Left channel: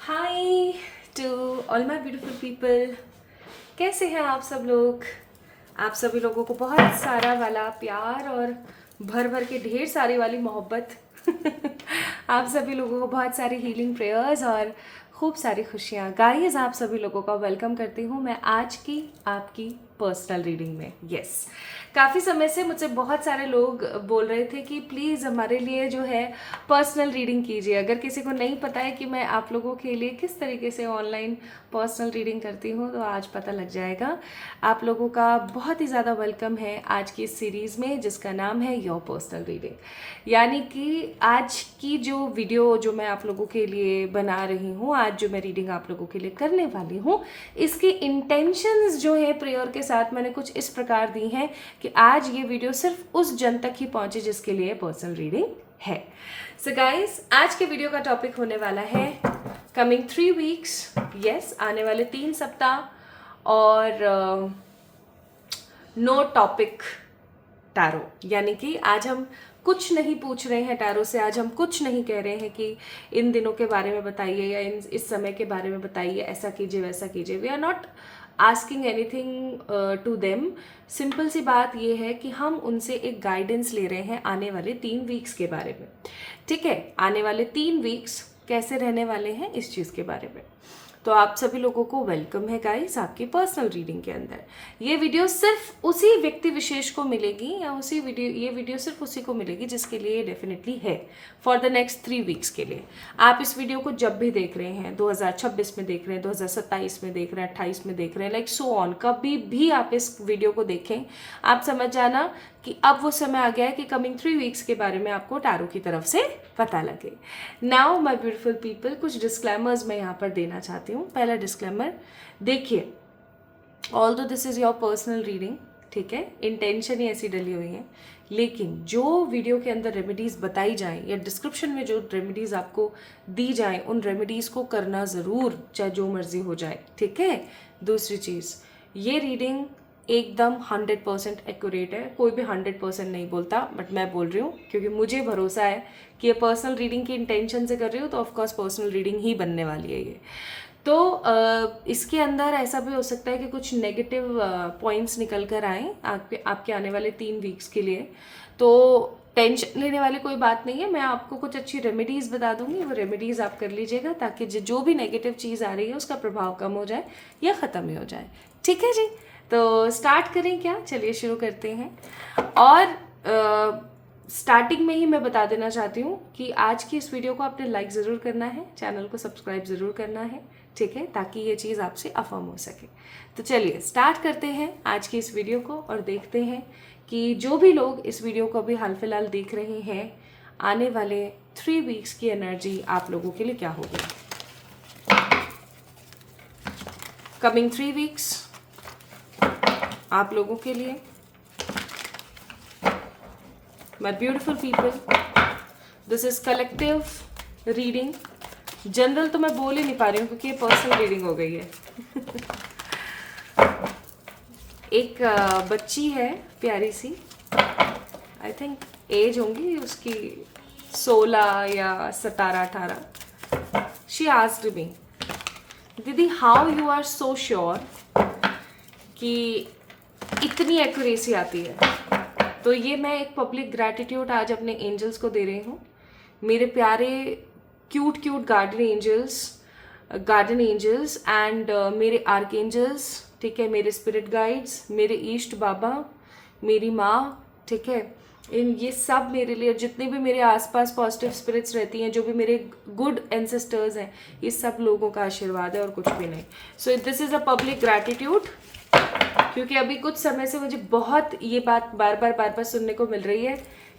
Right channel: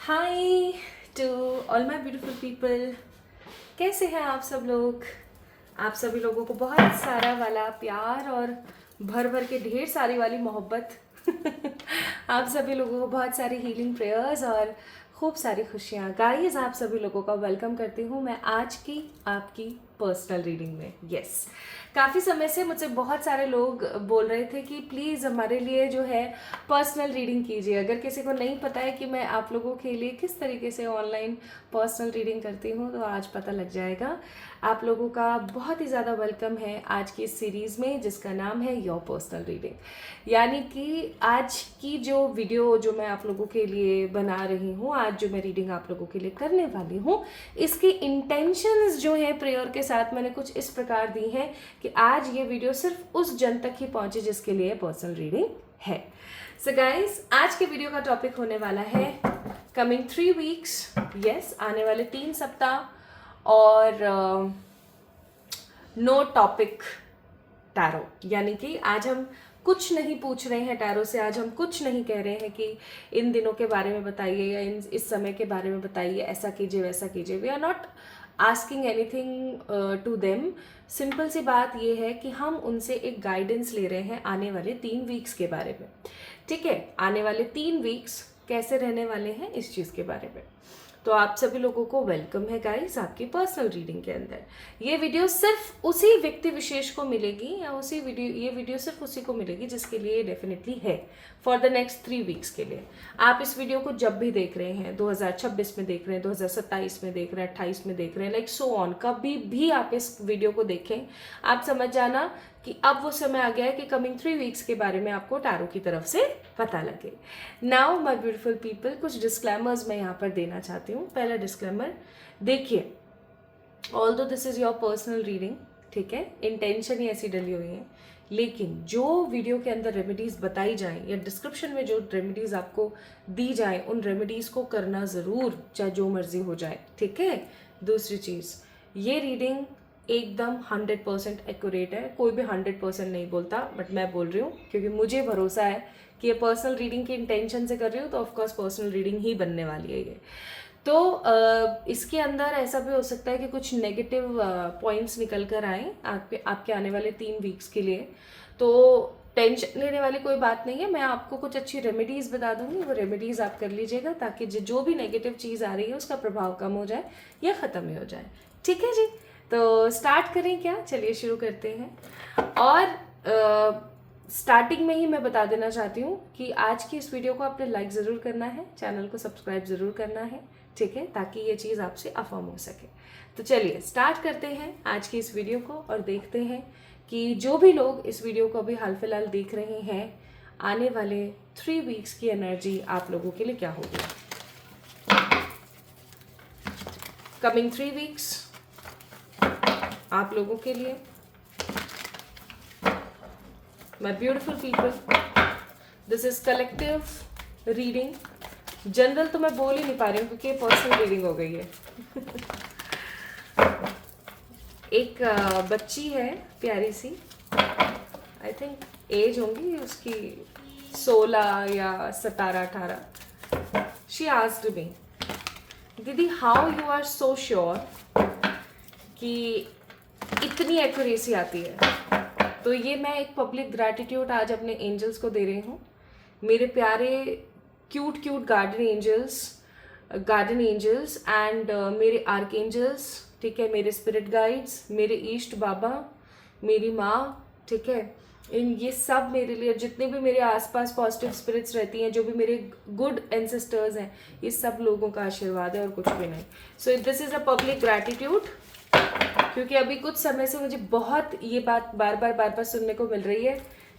Hi to all my beautiful people. कैसे हैं आप सब लोग? आप सभी लोगों को बहुत सारा वाला प्यार और भर भर के ढेर सारी वाली मोहब्बत। आप सभी लोगों को बहुत सारी हीलिंग प्रेयर्स और खूब सारी खुशियाँ। गाइस, आप सभी लोगों का वेलकम करती हूँ मैं आज की आपकी पर्सनल रीडिंग में। यस, काफ़ी समय से मुझसे बहुत सारे लोग बोल रहे थे कि प्लीज़ हमारे लिए जो है पर्सनल रीडिंग कीजिए। अगर किसी को नहीं पता है कि मैं आप लोगों के लिए किस तरीके से ऑनलाइन पर्सनल रीडिंग करती हूँ तो आज पता लग जाएगा। आप लोगों का बहुत ही ज़्यादा वेलकम है आज की इस सीरीज़ में जिसका नाम है योर पर्सनल रीडिंग। यानी कि आज की जो वीडियो जो मैं आप लोगों के लिए बना रही हूँ, आज जो मैं रीडिंग आप लोगों के लिए करने वाली हूँ, इसकी इंटेंशंस जो है प्रेयर के साथ मैंने कुछ इस प्रकार दी हैं कि आज ये वीडियो सिर्फ उस जन तक ही पहुँचे जिसके लिए पर्सनल रीडिंग है। सो गाइस, आज के वीडियो का टॉपिक होने वाला है कमिंग 3 वीक्स। यस, आने वाले 3 सप्ताह और नो टॉपिक टैरो। यानी कि आज हम कुछ नहीं पूछ रहे हैं टैरो से, आज हम कुछ नहीं कह रहे हैं कि इन दिनों के बारे में बताइए या इस समय के बारे में बताइए, ऐसा कीजिए वैसा कीजिए। We are not asking anything to them. Simple सी बात ये है कि हम उनसे एक गाइडेंस ले रहे हैं आने वाले 3 वीक्स के बारे में। ठीक है, आने वाले 3 वीक्स कैसे रहने वाले हैं इस चीज़ के बारे में। तो आप सभी लोगों को वेलकम है गाइस आपकी पर्सनल रीडिंग के अंदर। ये वीडियो सिर्फ उसी व्यक्ति विशेष को मिलेगी या ये वीडियो सिर्फ उसी को मिलेगी जिसके लिए ये डेफिनेटली है फॉर द नेक्स्ट 3 वीक्स के लिए। आप इस वीडियो को जब भी देख रहे हैं, 2026 में देख रहे हैं, 2027 में देख रहे हैं, 28 में देख रहे हैं, लाइक सो ऑन, कभी भी आप इस वीडियो को देखें, आप समझ जाना कि अब वो समय आ गया है कि कमिंग 3 वीक्स के बारे में आपको टैरो की तरफ से पता लगे। नाउ माय ब्यूटीफुल पीपल, कुछ डिस्क्लेमर्स मैं यहाँ पर देना चाहती हूँ। पहला डिस्क्लेमर, देखिए, although this is your personal reading, ठीक है, इंटेंशन ही ऐसी डली हुई है, लेकिन जो वीडियो के अंदर रेमेडीज़ बताई जाएं या डिस्क्रिप्शन में जो रेमेडीज़ आपको दी जाएं उन रेमेडीज़ को करना ज़रूर, चाहे जो मर्जी हो जाए, ठीक है। दूसरी चीज़, ये रीडिंग एकदम 100% एक्यूरेट है। कोई भी 100% नहीं बोलता, बट मैं बोल रही हूँ क्योंकि मुझे भरोसा है कि ये पर्सनल रीडिंग की इंटेंशन से कर रही हूँ तो ऑफकोर्स पर्सनल रीडिंग ही बनने वाली है ये। तो इसके अंदर ऐसा भी हो सकता है कि कुछ नेगेटिव पॉइंट्स निकल कर आए आपके आने वाले 3 वीक्स के लिए। तो टेंशन लेने वाली कोई बात नहीं है। मैं आपको कुछ अच्छी रेमेडीज़ बता दूंगी, वो रेमेडीज़ आप कर लीजिएगा ताकि जो भी नेगेटिव चीज़ आ रही है उसका प्रभाव कम हो जाए या ख़त्म ही हो जाए। ठीक है जी, तो स्टार्ट करें क्या? चलिए शुरू करते हैं। और स्टार्टिंग में ही मैं बता देना चाहती हूँ कि आज की इस वीडियो को आपने लाइक ज़रूर करना है, चैनल को सब्सक्राइब ज़रूर करना है, ठीक है, ताकि ये चीज़ आपसे अफर्म हो सके। तो चलिए स्टार्ट करते हैं आज की इस वीडियो को और देखते हैं कि जो भी लोग इस वीडियो को अभी हाल फिलहाल देख रहे हैं, आने वाले 3 वीक्स की एनर्जी आप लोगों के लिए क्या होगी। कमिंग 3 वीक्स आप लोगों के लिए, my beautiful people, this is collective reading. General तो मैं बोल ही नहीं पा रही हूँ क्योंकि ये पर्सनल रीडिंग हो गई है। एक बच्ची है प्यारी सी, आई थिंक एज होंगी उसकी 16 या 17-18। शी आस्क्ड मी, दीदी how you are so sure कि इतनी एक्यूरेसी आती है। तो ये मैं एक पब्लिक ग्रैटिट्यूड आज अपने एंजल्स को दे रही हूँ। मेरे प्यारे क्यूट गार्डन एंजल्स एंड मेरे आर्क एंजल्स, ठीक है, मेरे स्पिरिट गाइड्स, मेरे ईष्ट बाबा, मेरी माँ, ठीक है, ये सब मेरे लिए, जितने भी मेरे आसपास पॉजिटिव स्पिरिट्स रहती हैं, जो भी मेरे गुड एंसेस्टर्स हैं, ये सब लोगों का आशीर्वाद है और कुछ भी नहीं। So this is a public gratitude, क्योंकि अभी कुछ समय से मुझे बहुत ये बात बार बार सुनने को मिल रही है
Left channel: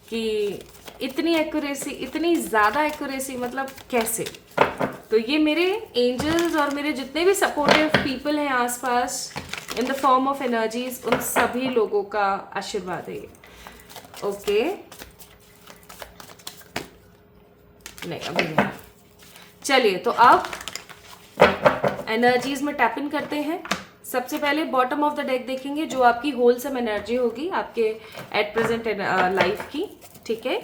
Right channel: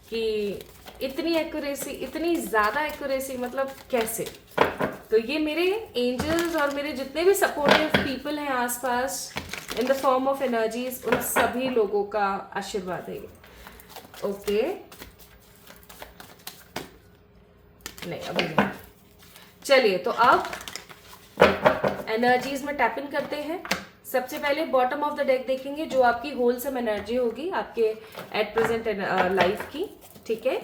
कि इतनी एक्यूरेसी, इतनी ज़्यादा एक्यूरेसी, मतलब कैसे। तो ये मेरे एंजल्स और मेरे जितने भी सपोर्टिव पीपल हैं आसपास in the form of energies, उन सभी लोगों का आशीर्वाद है ये। ओके, नहीं अभी नहीं। चलिए, तो अब एनर्जीज में टैप इन करते हैं। सबसे पहले बॉटम ऑफ द डेक देखेंगे जो आपकी होलसम एनर्जी होगी आपके एट प्रेजेंट लाइफ की, ठीक है।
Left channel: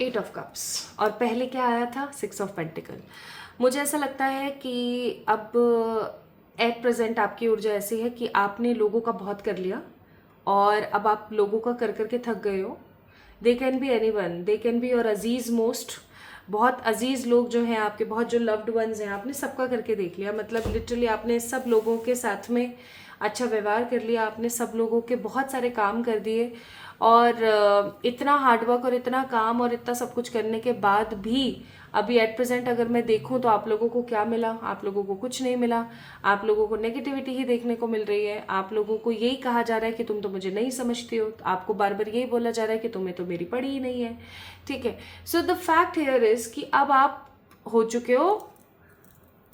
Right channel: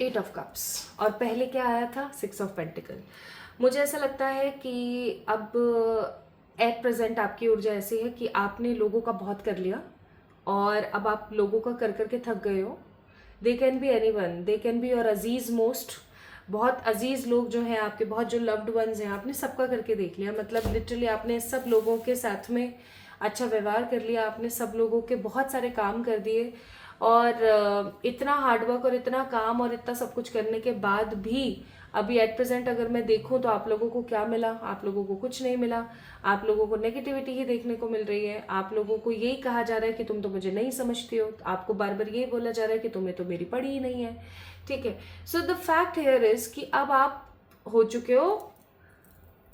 8 ऑफ कप्स, और पहले क्या आया था? 6 ऑफ पेंटिकल। मुझे ऐसा लगता है कि अब एट प्रेजेंट आपकी ऊर्जा ऐसी है कि आपने लोगों का बहुत कर लिया और अब आप लोगों का कर करके थक गए हो। They can be any one, they can be your Aziz most, बहुत अजीज लोग जो हैं आपके, बहुत जो लव्ड वंस हैं, आपने सबका करके देख लिया। मतलब लिटरली आपने सब लोगों के साथ में अच्छा व्यवहार कर लिया, आपने सब लोगों के बहुत सारे काम कर दिए, और इतना हार्डवर्क और इतना काम और इतना सब कुछ करने के बाद भी अभी एट प्रेजेंट अगर मैं देखूं तो आप लोगों को क्या मिला? आप लोगों को कुछ नहीं मिला। आप लोगों को नेगेटिविटी ही देखने को मिल रही है। आप लोगों को यही कहा जा रहा है कि तुम तो मुझे नहीं समझते हो, आपको बार बार यही बोला जा रहा है कि तुम्हें तो मेरी पड़ी ही नहीं है। ठीक है, so the fact here is कि अब आप हो चुके हो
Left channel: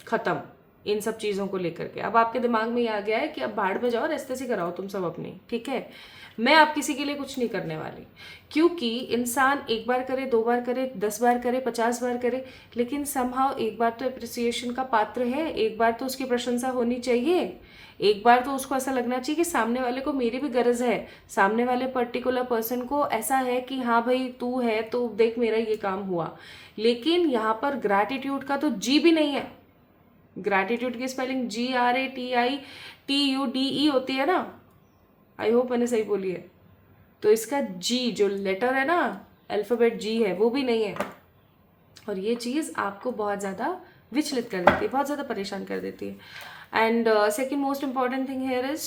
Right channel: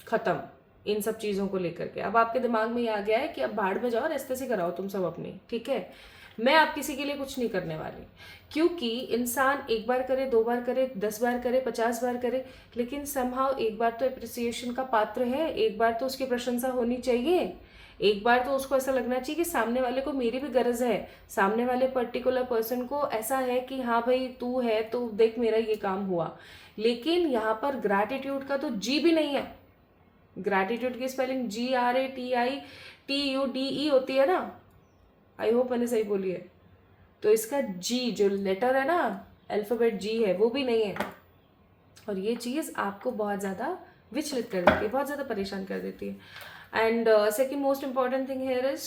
खत्म इन सब चीज़ों को लेकर के। अब आपके दिमाग में ये आ गया है कि अब भाड़ में जाओ, रेस्ते से कराओ तुम सब अपनी। ठीक है, मैं अब किसी के लिए कुछ नहीं करने वाली, क्योंकि इंसान एक बार करे, 2 बार करे, 10 बार करे, 50 बार करे, लेकिन समहाउ एक बार तो अप्रिसिएशन का पात्र है, एक बार तो उसकी प्रशंसा होनी चाहिए, एक बार तो उसको ऐसा लगना चाहिए कि सामने वाले को मेरी भी गरज है, सामने वाले पर्टिकुलर पर्सन को ऐसा है कि हाँ भाई तू है तो देख मेरा ये काम हुआ। लेकिन यहाँ पर ग्रैटिट्यूड का तो जी भी नहीं है। ग्रैटिट्यूड की स्पेलिंग GRATITUDE होती है ना, आई होप मैंने सही बोली है। तो इसका जी जो लेटर है ना, अल्फाबेट जी है, वो भी नहीं है, और ये चीज़ आपको बहुत ज़्यादा विचलित कर देती है, बहुत ज़्यादा परेशान कर देती है। And second most important thing here is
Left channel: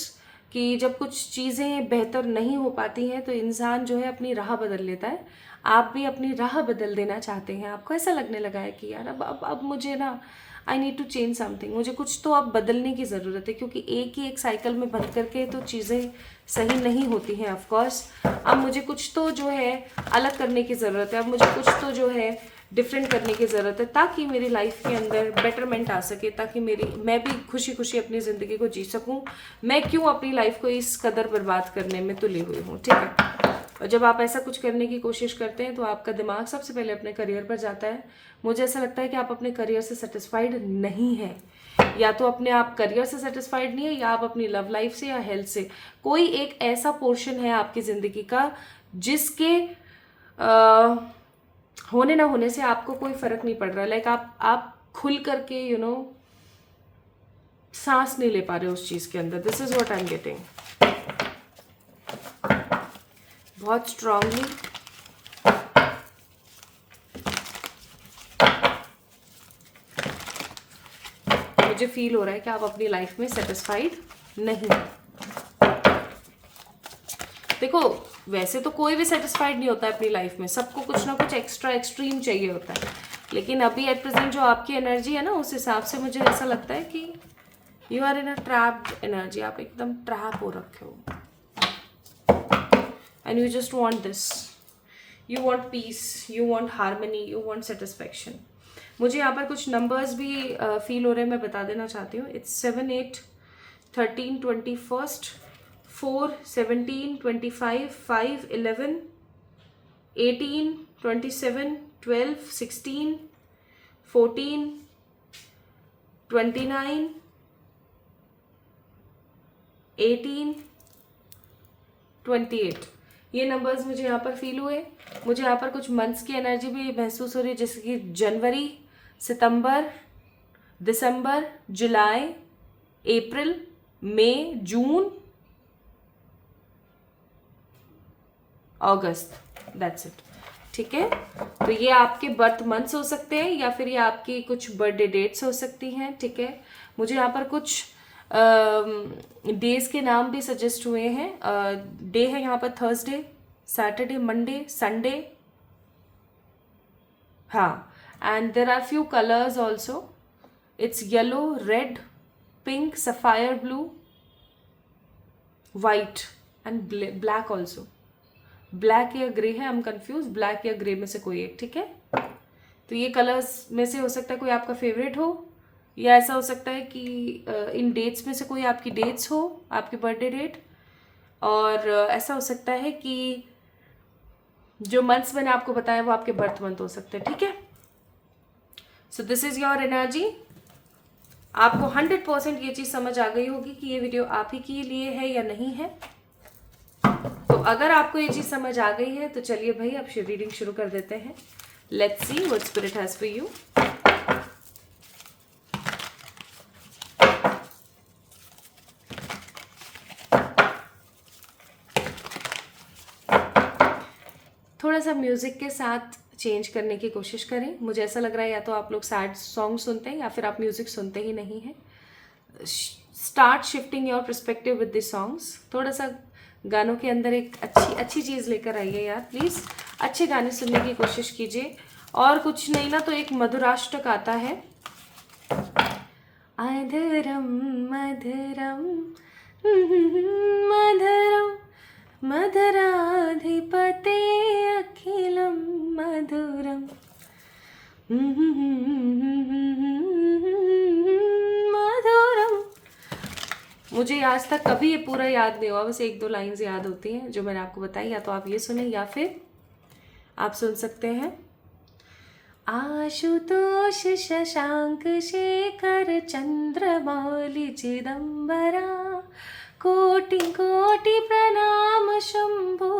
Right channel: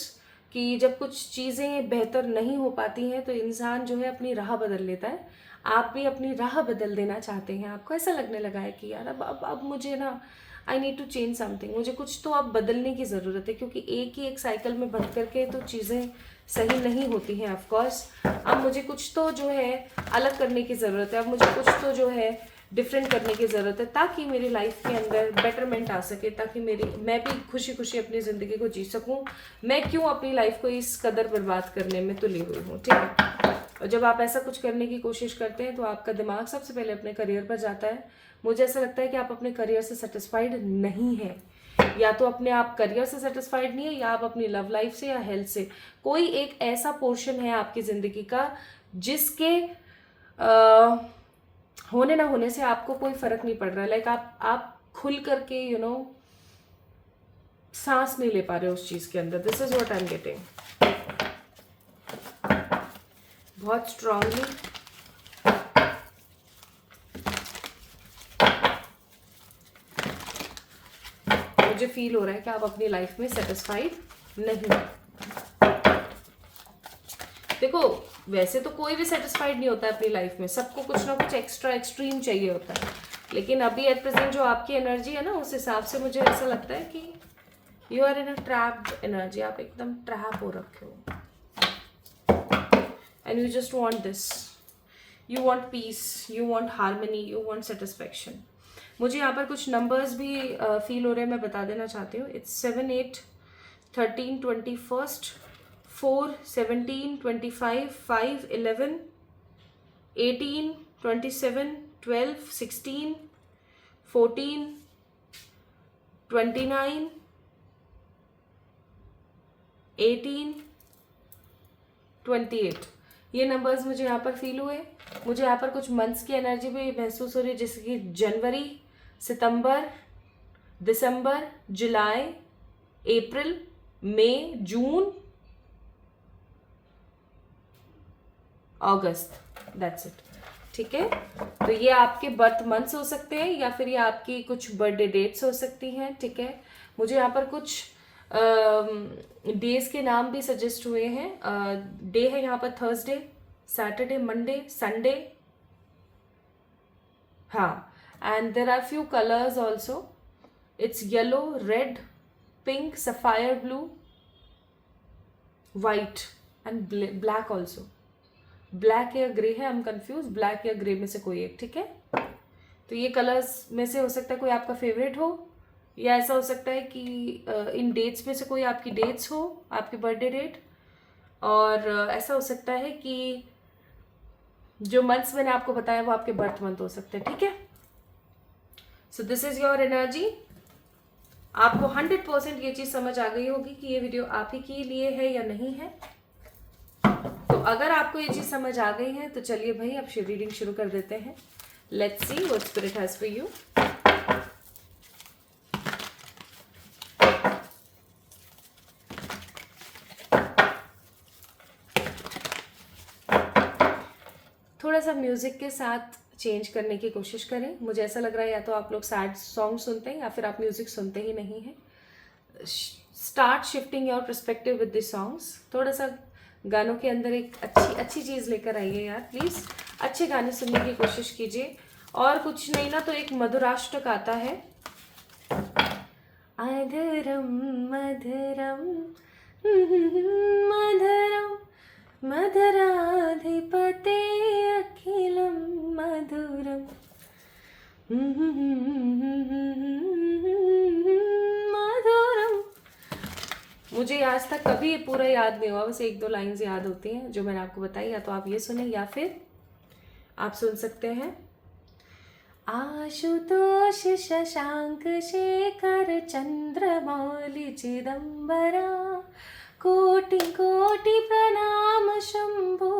कि जब कुछ चीज़ें बेहतर नहीं हो पाती हैं तो इंसान जो है अपनी राह बदल लेता है। आप भी अपनी राह बदल देना चाहते हैं, आपको ऐसा लगने लगा है कि यार अब मुझे ना I need to change something, मुझे कुछ तो अब बदलने की ज़रूरत है, क्योंकि एक ही एक साइकिल में बंद करके तो चीज़ें सही नहीं होती हैं। ऑफकोर्स अब मुझे कुछ तो जो है अलग करने की ज़रूरत है, अब मुझे कुछ तो जो है डिफरेंट करने की ज़रूरत है, ताकि मेरी लाइफ के अंदर बेटरमेंट आ सके, ताकि मैं भी खुशी खुशी अपनी ज़िंदगी को जी सकूं। मैं क्यों अपनी लाइफ को इस कदर बर्बाद करने में तुली हुई हूँ। ठीक है, और जब आप ऐसा कुछ करने की कोशिश करते हैं तो आपका दिमाग सबसे पहले अपने करियर पर जाता है। मुझे ऐसा लगता है कि आप अपने करियर से सेटिस्फाइड नहीं है, या तो अपने आप करियर से सेटिस्फाइड नहीं है, या आप अपनी लव लाइफ से या हेल्थ से। कोई एक ऐसा पोर्शन है आपकी ज़िंदगी का जिसके होने ना होने से आपको कोई फर्क नहीं पड़ रहा है। लाइक आप खुल करके सांस नहीं ले पा रहे उस चीज़ के अंदर। This is what I am getting बहुत स्ट्रांगली। मुझे फील हो रहा है कि आप अपनी लाइफ में सेटिस्फाइड नहीं हैं। देखो, वैसे तो कोई भी सेटिस्फाइड नहीं होता है अपनी लाइफ में, सबको कुछ ना कुछ एक्स्ट्रा एक्सट्रीम चाहिए होता है, लेकिन अभी एट प्रेजेंट जो आपकी एनर्जी है ना, उस हिसाब से मुझे ऐसा लगता है कि you are in a trapped energy. आप एकदम ट्रैप हो रखे हो, and you just want this, you want peace, you want harmony, you want satisfaction. मुझे यहाँ पर कुछ नंबर्स भी फील हो रहे हैं, मैं बता देना चाहती हूँ। इट्स 7, 8, 13, 21, 4, 17, 25, 5, 11, 18, 27, 12, 16, 14, 29, 18, 28। ये नंबर्स मुझे यहाँ पर फील हुए। मुझे यहाँ पर कुछ मंथ्स की एनर्जी भी महसूस हो रही है, जैसे कि जनवरी, सितंबर, दिसंबर, जुलाई, अप्रैल, मई, जून, अगस्त। That's it. ठीक है, तो ये आपके बर्थ मंथ्स हो सकते हैं, या फिर ये आपकी कुछ बर्थडे डेट्स हो सकती हैं। ठीक है, मुझे यहाँ पर कुछ डेज के नाम भी सजेस्ट हुए हैं। डे है यहाँ पर थर्सडे, सैटरडे, मंडे, संडे। हाँ, and there are few colors also. It's yellow, red, pink, sapphire blue, white and black also. Black या ग्रे है, I'm confused, ब्लैक या ग्रे में से कोई एक। ठीक है, तो ये कलर्स में से हो सकता है कोई आपका फेवरेट हो, या ऐसा हो सकता है कि इन डेट्स में से कोई आपकी डेट्स हो, आपकी बर्थडे डेट, और ऐसा हो सकता है कि जो मंथ्स मैंने आपको बताया वो आपके बर्थ मंथ हो सकते हैं। ठीक है, so this is your energy. आपको 100% ये चीज़ समझ आ गई होगी कि ये वीडियो आप ही के लिए है या नहीं है। तो अगर आपको ये चीज़ समझ आ गई है तो चलिए भाई अब रीडिंग शुरू कर देते हैं। Let's see what spirit has for you. थोड़ा सा म्यूजिक के साथ चेंज करने की कोशिश करें। मुझे ऐसा लग रहा है या तो आप लोग सैड सॉन्ग सुनते हैं या फिर आप म्यूजिक सुनते ही नहीं हैं। Start shifting your perspective with this songs. थोड़ा सा गानों के अंदर एक अच्छी चीज़ लेकर आइए यार प्लीज़। अच्छे गाने सुनने की कोशिश कीजिए, और कुछ नहीं ना तो एक मधुराष्टक आता है। अधरम मधुरम मधुरम मधुराधिपते अखिलम मधुरम मधुरम। मुझे आज तक कभी ये पूरा याद नहीं हुआ, बस 1-2 लाइन्स याद होती हैं जो मैंने आपको बताई। या तो आप ये सुने या फिर आप सुन सकते हैं आशुतोष शशांक शेखर चंद्रमौलि चिदंबरा कोटि कोटि प्रणाम शंभो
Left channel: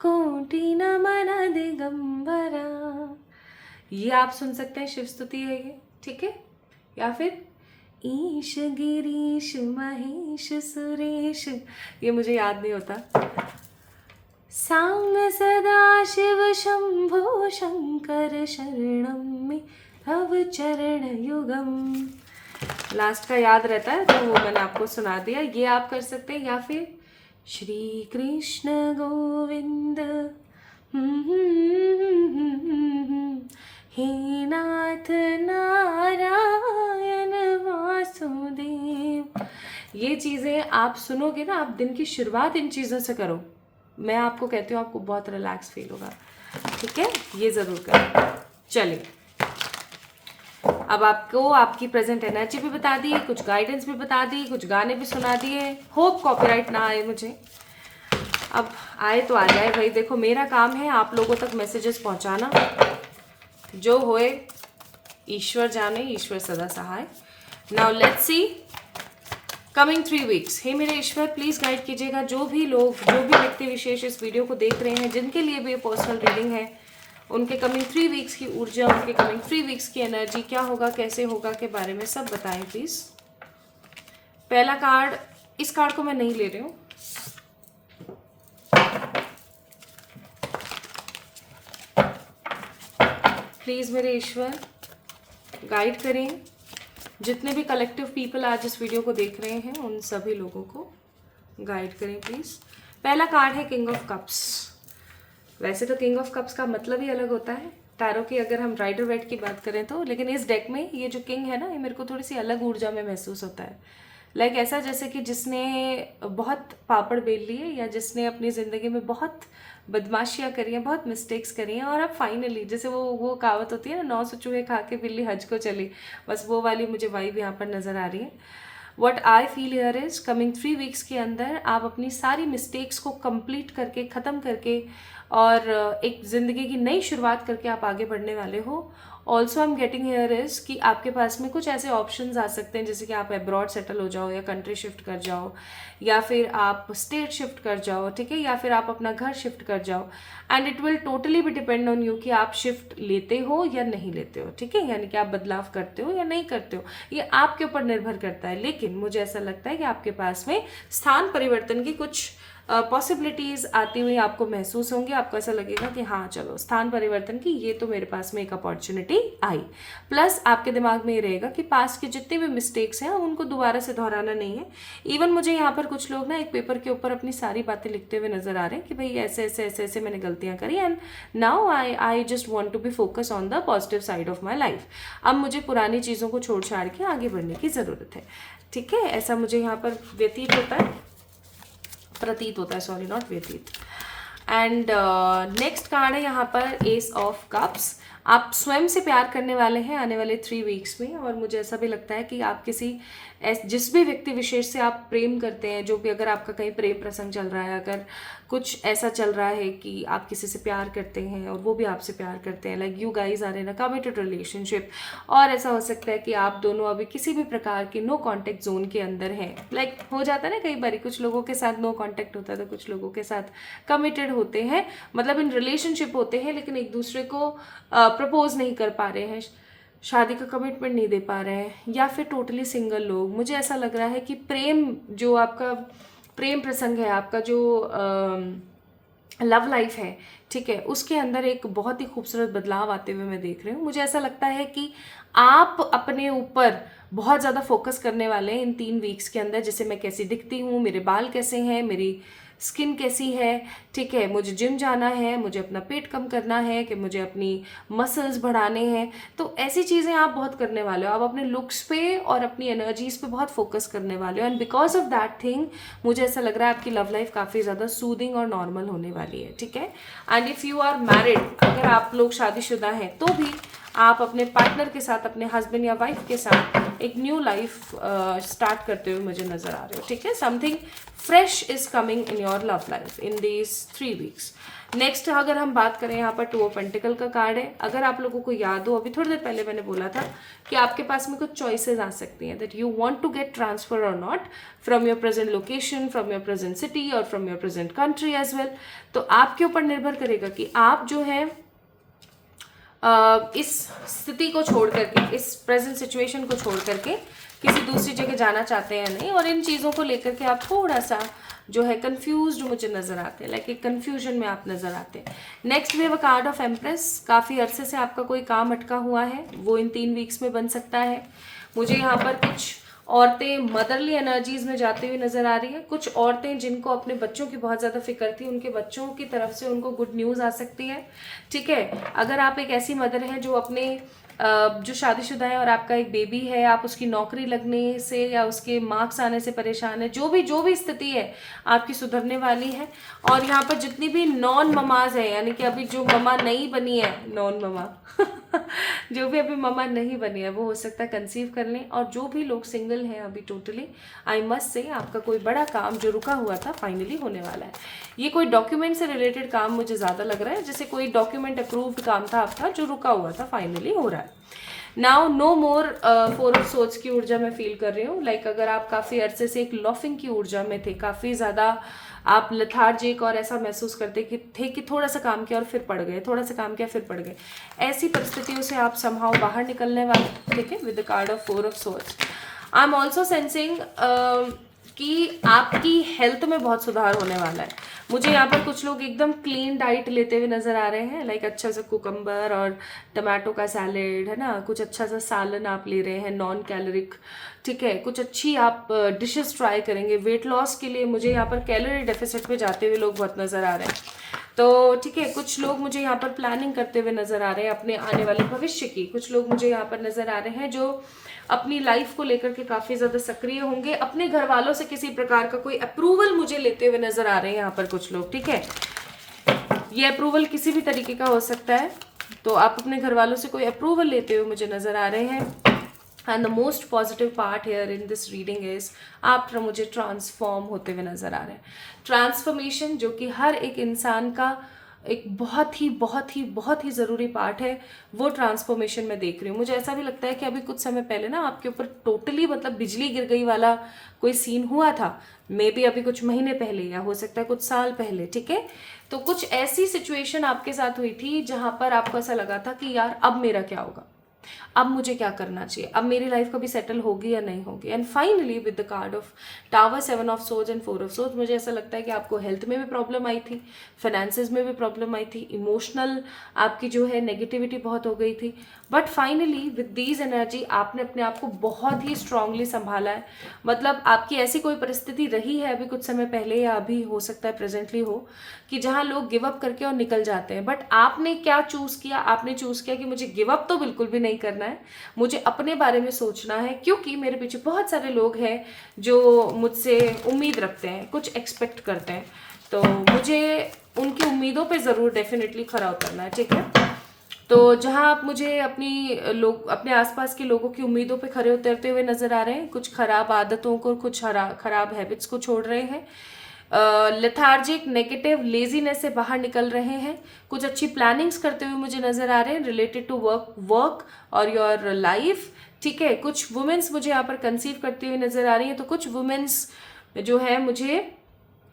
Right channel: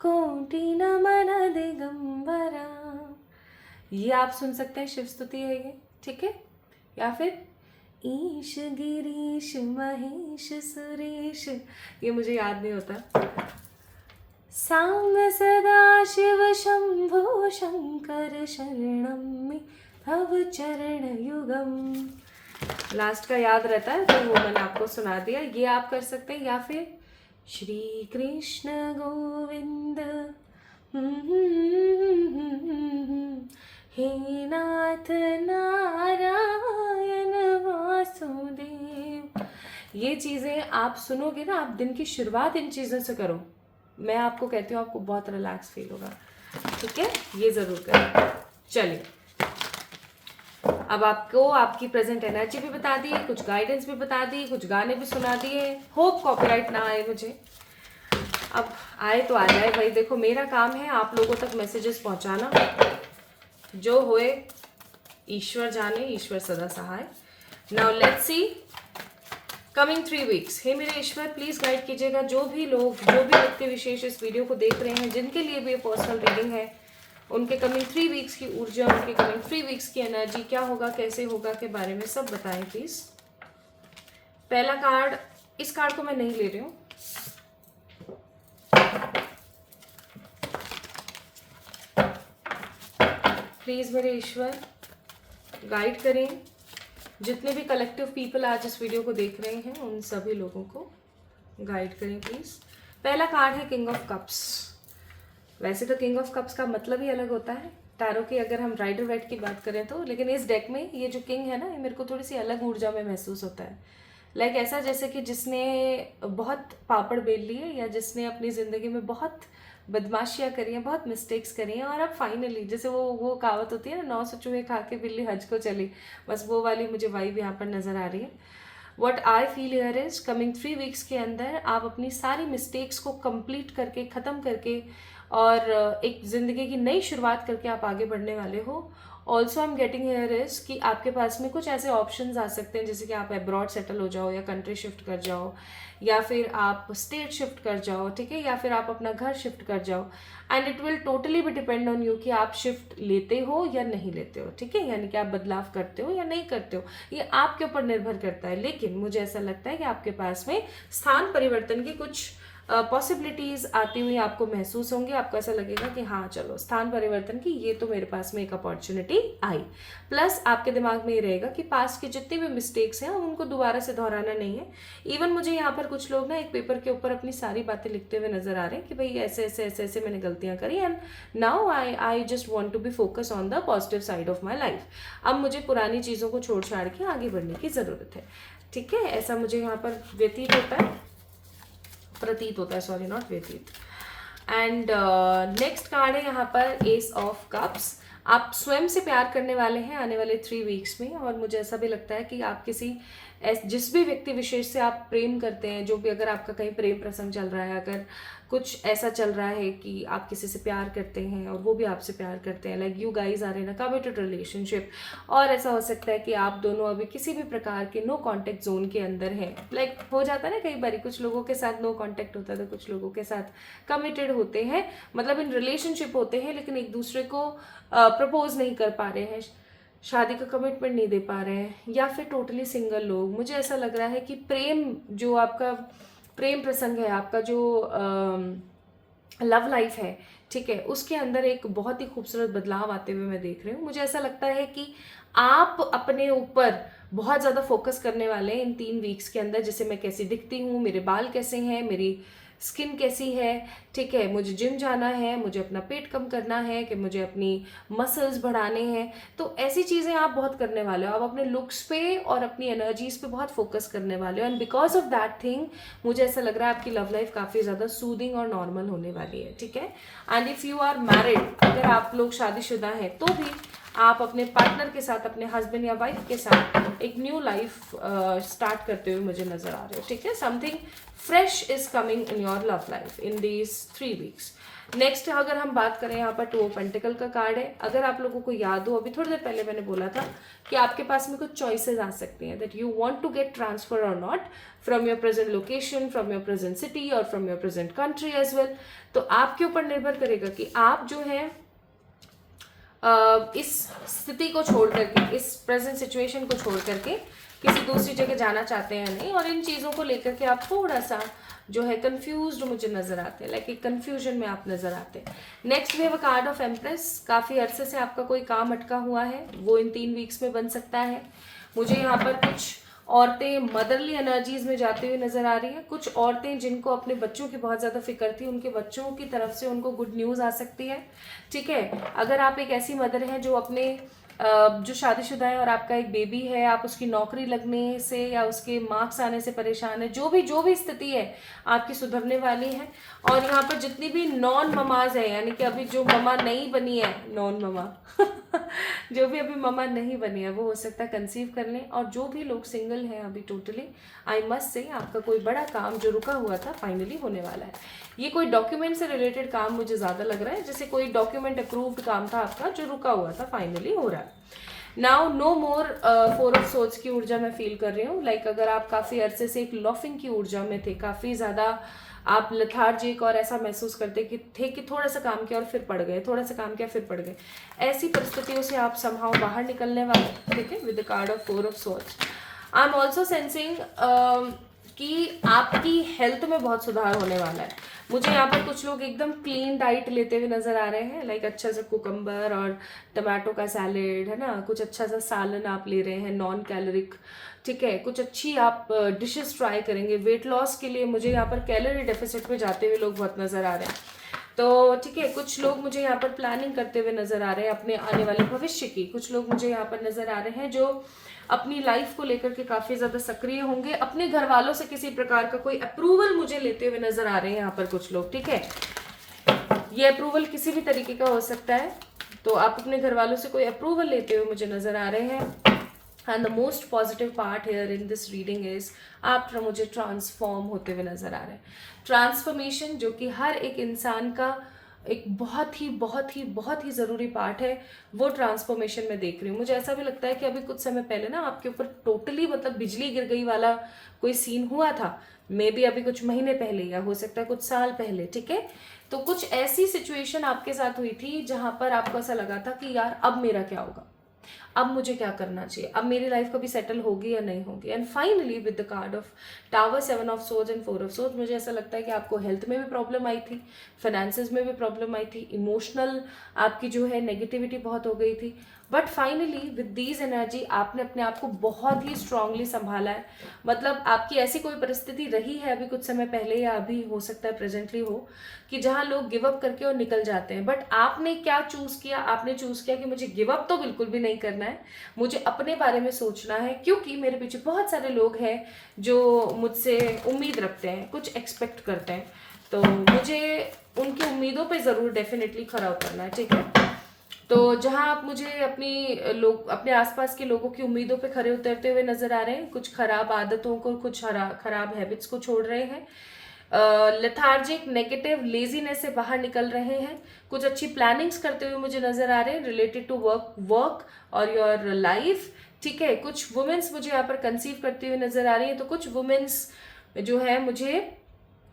कोटि नमन दिगंबरा। ये आप सुन सकते हैं, शिव स्तुति है ये, ठीक है। या फिर ईश गिरीश महेश सुरेश, ये मुझे याद नहीं होता। सांग सदा शिव शंभो शंकर शरणम में भव चरण युगम। लास्ट का याद रहता है तो वो मैंने आपको सुना दिया, ये आप कर सकते हैं। या फिर श्री कृष्ण गोविंद हे नाथ नारायण वासुदेव। ये चीज़ें आप सुनोगे ना, आप दिन की शुरुआत इन चीज़ों से करो। मैं आपको कहती हूँ आपको बहुत रिलैक्स फील होगा, ठीक है। ये ज़रूर करें। चलिए अब आपको आपकी प्रेजेंट एनर्जी भी बता दी, कुछ गाइडेंस भी बता दी, कुछ गाने भी सुना दिए। होप कॉपीराइट ना आए मुझे, अब आए तो आ जाए भाई। देखो मेरा काम है आप लोगों तक मैसेजेस पहुंचाना, जो होए ईश्वर जाने, ईश्वर सदा सहाय। Now let's see coming 3 weeks. हे मेरे ईश्वर प्लीज गाइड कीजिएगा जो भी लोग, जो भी व्यक्ति विशेष इस वीडियो को देख रहे हैं, जिनके लिए भी ये पर्सनल रीडिंग है, उनके कमिंग 3 वीक्स की ऊर्जा, उनके कमिंग 3 वीक्स की एनर्जी, क्या होगा कैसे होगा के बारे में सब बताएं प्लीज। पहला कार्ड, इस कार्ड को मैं नहीं ले रही हूँ, प्लीज मेरे ईश्वर गाइड करें जितने भी कलेक्टिव पीपल आज इस वीडियो को देख रहे हैं, उन सभी लोगों को गाइड करें प्लीज। पहला कार्ड है किंग ऑफ कप्स। वैसे तो किंग ऑफ कप्स का मतलब ही अलग होता है टैरो की, अगर हम राइडर वेट की बात करें तो, लेकिन इस डेक में ये जो किंग है ना, ये मेरे को थोड़ी सी अलग ऊर्जा में महसूस होता है। लाइक ऐसा जैसे कि जिसने बहुत पापड़ बेल लिए, या जिसने अपनी ज़िंदगी में बहुत बदमाशियाँ करी हैं, बहुत मिस्टेक्स करी हैं, और अब फाइनली जैसे वो कहावत होती है ना, 900 चूहे खा के बिल्ली हज को चली, बस वो वाली मुझे वाइब यहाँ पर नज़र आ रही है। What I feel here is coming 3 weeks के अंदर आप अपनी सारी मिस्टेक्स को कंप्लीट करके, ख़त्म करके, और एक ज़िंदगी की नई शुरुआत करके आप आगे बढ़ने वाले हो। Also I am getting here is कि आपके पास में कुछ ऐसे ऑप्शंस आ सकते हैं, जैसे कि आप अब्रॉड सेटल हो जाओ, या कंट्री शिफ्ट कर जाओ, या फिर आप स्टेट शिफ्ट कर जाओ, ठीक है, या फिर आप अपना घर शिफ्ट कर जाओ। एंड इट विल टोटली भी डिपेंड ऑन यू कि आप शिफ्ट लेते हो या नहीं लेते हो, ठीक है, यानी कि आप बदलाव करते हो या नहीं करते हो, ये आपके ऊपर निर्भर करता है। लेकिन मुझे ऐसा लगता है कि आपके पास में स्थान परिवर्तन की कुछ पॉसिबिलिटीज़ आती हुई आपको महसूस होंगी। आपको ऐसा लगेगा कि हाँ चलो स्थान परिवर्तन की ये तो मेरे पास में एक अपॉर्चुनिटी आई। प्लस आपके दिमाग में ये रहेगा कि पास्ट के जितने भी मिस्टेक्स हैं उनको दोबारा से दोहराना नहीं है। इवन मुझे यहाँ पर कुछ लोग ना एक पेपर के ऊपर अपनी सारी बातें लिखते हुए नजर आ रहे हैं कि भाई ऐसे ऐसे ऐसे ऐसे मैंने गलतियाँ करी, and now I just want to be focus on the positive side of my life. अब मुझे पुरानी चीज़ों को छोड़ छाड़ के आगे बढ़ने की ज़रूरत है, ठीक है, ऐसा मुझे यहाँ पर व्यतीत होता है, प्रतीत होता है, सॉरी नॉट व्यतीत। एंड नेक्स्ट कार्ड है यहाँ पर एस ऑफ कप्स। आप स्वयं से प्यार करने वाले हैं आने वाले 3 वीक्स में, और मुझे ऐसा भी लगता है कि आप किसी जिस भी व्यक्ति विशेष से आप प्रेम करते हैं, जो भी, अगर आपका कहीं प्रेम प्रसंग चल रहा है, अगर कुछ ऐसा चल रहा है कि आप किसी से प्यार करते हैं और वो भी आपसे प्यार करते हैं, like you guys are in a committed relationship. और ऐसा हो सकता है कि आप दोनों अभी किसी भी प्रकार के नो कॉन्टेक्ट जोन के अंदर हैं। लाइक हो जाता है ना कई बार, कुछ लोगों के साथ नो कॉन्टेक्ट होता है तो कुछ लोगों के साथ कमिटेड होते हैं, मतलब इन रिलेशनशिप होते हैं लेकिन एक दूसरे को प्रपोज नहीं कर पा रहे हैं, शादी का कमिटमेंट नहीं दे पा रहे हैं, या फिर टोटली सिंगल लोग। मुझे ऐसा लग रहा है कि प्रेम, जो आपका प्रेम प्रसंग है, आपका जो लव लाइफ है, ठीक है, उसके अंदर एक बहुत ही खूबसूरत बदलाव आते हुए मैं देख रही हूँ। मुझे ऐसा लगता है कि आप अपने ऊपर बहुत ज़्यादा फोकस करने वाले हैं इन 3 वीक्स के अंदर, जैसे मैं कैसी दिखती हूँ, मेरे बाल कैसे हैं, मेरी स्किन कैसी है, ठीक है, मुझे जिम जाना है, मुझे अपना पेट कम करना है, कि मुझे अपनी मसल्स बढ़ाने हैं। तो ऐसी चीज़ें आप बहुत करने वाले हो, आप अपने लुक्स पे और अपनी एनर्जीज पे बहुत फोकस करने वाले हो। And because of that thing मुझे ऐसा लग रहा है आपकी लव लाइफ काफ़ी ज़्यादा सूदिंग और नॉर्मल होने वाली है, ठीक है। And if you are married, अगर आप लोग शादीशुदा हैं तो भी आप अपने पार्टनर के साथ, अपने हस्बैंड या वाइफ के साथ एक न्यू लाइफ स्टार्ट करते हुए मुझे नजर आ रहे हो, ठीक है। Something fresh is coming in your love life in these 3 weeks. Next अगर हम बात करें, यहाँ पर 2 ऑफ पेंटिकल का कार्ड है। अगर आप लोगों को याद हो, अभी थोड़ी देर पहले मैंने बोला था कि आपके पास में कुछ चॉइसेस आ सकती हैं, that you want to get transfer और not from your present location, from your present city और from your present country as well. तो आपके ऊपर निर्भर करेगा कि आप जो है इस स्थिति को छोड़ करके, इस प्रेजेंट सिचुएशन को छोड़ करके किसी दूसरी जगह जाना चाहते हैं नहीं। और इन चीज़ों को लेकर के आप थोड़ा सा जो है कंफ्यूज्ड मुझे नजर आते हैं, लाइक एक कंफ्यूजन में आप नजर आते हैं। Next we have a card of empress. काफ़ी अरसे से आपका कोई काम अटका हुआ है, वो इन 3 वीक्स में बन सकता है। मुझे यहाँ पर कुछ औरतें मदरली एनर्जीज में जाती हुई नजर आ रही है। कुछ औरतें जिनको अपने बच्चों की बहुत ज़्यादा फिक्र थी, उनके बच्चों की तरफ से उनको गुड न्यूज़ आ सकती है, ठीक है। अगर आप एक ऐसी मदर हैं जो अपने जो शादीशुदा है और आपका एक बेबी है, आप उसकी नौकरी लगने से या उसके मार्क्स आने से परेशान है, जो भी स्थिति है आपकी सुधरने वाली है। और यहाँ पर जितनी भी नॉन ममाज है, यानी कि अभी जो ममा नहीं बनी है, नॉन ममा जो भी अभी ममा नहीं बनी है, वो हो सकता है कंसीव कर लें। और जो भी लोग सिंगल हैं अभी, टोटली आई मस्ट से आपका कोई बड़ा काम जो रुका हुआ था फाइनली होने वाला है। ये कोई डॉक्यूमेंट से रिलेटेड काम मुझे ज़्यादा लग रहा है, जैसे कोई डॉक्यूमेंट अप्रूव्ड काम था आपका जो रुका हुआ था, फाइनली हो रहा है। Now no more 4 of swords की ऊर्जा मैं फील कर रही हूँ। लाइक अगर आप काफ़ी अरसे से एक लॉफिंग की ऊर्जा में थे, काफ़ी ज़्यादा आप लेथार्जिक और ऐसा महसूस करते कि थोड़ा सा काम किया और फिर पड़ गए, थोड़ा सा काम किया फिर पड़ गए, ऐसी परिस्थितियों से आप समहाउ बाहर निकलने वाले, ठीक है, with the card of 4 of swords. I am also sensing कि आपकी हेल्थ में बहुत सुधार होने वाला है। मुझे यहाँ पर कुछ लोग एकदम क्लीन डाइट लेते हुए नजर आ रहे हैं, लाइक अच्छा सा कुकम्बर और टमाटो का सैलेड है ना, कुछ अच्छा सा सालन आप ले रहे हैं, नॉन कैलोरिक, ठीक है, कुछ अच्छी आप डिशेस ट्राई करेंगे वेट लॉस के लिए। मुझे यहाँ पर कैलोरी डेफिसिट पे जाते हुए लोग बहुत नजर आ रहे हैं, तो ठीक है। कुछ लोग मुझे यहाँ पर प्लानिंग करते हुए नजर आ रहे हैं अपने आने वाले भविष्य की। कुछ लोग मुझे यहाँ पर नजर आ रहे हैं जो अपनी लाइफ को लेकर के काफी ज्यादा सक्रिय होंगे। अपने घर वालों से किसी प्रकार का कोई अप्रूवल मुझे लेते हुए नजर आ रहे हैं यहाँ पर कुछ लोग, ठीक है। ये अप्रूवल किसी भी तरीके का हो सकता है, तो आप अपने घर वालों से कोई अप्रूवल लेते हुए मुझे नजर आ रहे हैं। And the most positive part here in this reading is आप मुझे ट्रांसफॉर्म होते हुए नजर आ रहे हैं। ट्रांसफॉर्मेशन जो कि हर एक इंसान का एक बहुत ही ज़रूरी पार्ट है, वो ट्रांसफॉर्मेशन मैं देख रही हूँ। मुझे ऐसा भी लगता है कि अभी कुछ समय पहले ना आपके ऊपर टोटली मतलब बिजली गिर गई वाला कोई सीन हुआ था, मे बी अभी कुछ महीने पहले या हो सकता है कुछ साल पहले, ठीक है। तो कुछ ऐसी सिचुएशन आपके साथ हुई थी जहां पर आपको ऐसा लगा था कि यार अब मेरा क्या होगा, अब मुझे क्या करना चाहिए, अब मेरी लाइफ कभी सेटल होगी या नहीं होगी। And finally with the card of tower, 7 of swords and 4 of swords, मुझे ऐसा लगता है कि आपको हेल्थ में भी प्रॉब्लम आई थी, फाइनेंसेस में भी प्रॉब्लम आई थी, इमोशनल आपकी जो है नेगेटिविटी बहुत हो गई थी। But finally with these energy आपने अपने आप को बहुत ही स्ट्रांगली संभाला है। मतलब आपकी ऐसी कोई परिस्थिति रही है अभी कुछ समय पहले या अभी हो सकता है प्रेजेंटली हो, कि जहां लोग गिव अप करके और निकल जाते हैं। बट आपने क्या चूज किया, आपने चूज किया कि मुझे गिव अप तो बिल्कुल भी नहीं करना है, मुझे अपने बारे में सोचना है, क्योंकि मेरे पीछे बहुत सारे लोग हैं जो मुझसे उम्मीद रखते हैं, कुछ एक्सपेक्ट करते हैं, तो मुझे उनकी उम्मीदों पे ज़रूर डेफिनेटली खरा उतरना है, ठीक है। तो जहां आप मुझे अपने आसपास के लोगों की उम्मीदों पे खरे उतरते हुए नजर आ रहे हैं, कुछ खराब आदतों को, कुछ खराब हैबिट्स को छोड़ रहे हैं, लेथार्जिक, नेगेटिव, लेजीनेस से बाहर निकल रहे हैं, कुछ अच्छी प्लानिंग्स करते हुए मुझे नजर आ रहे हैं रिलेटेड टू वर्क और योर लाइफ, ठीक है। कुछ वुमेन्स मुझे यहाँ पर कंसीव करती हुई नजर आ रही है, तो कुछ वुमेन्स जो है मुझे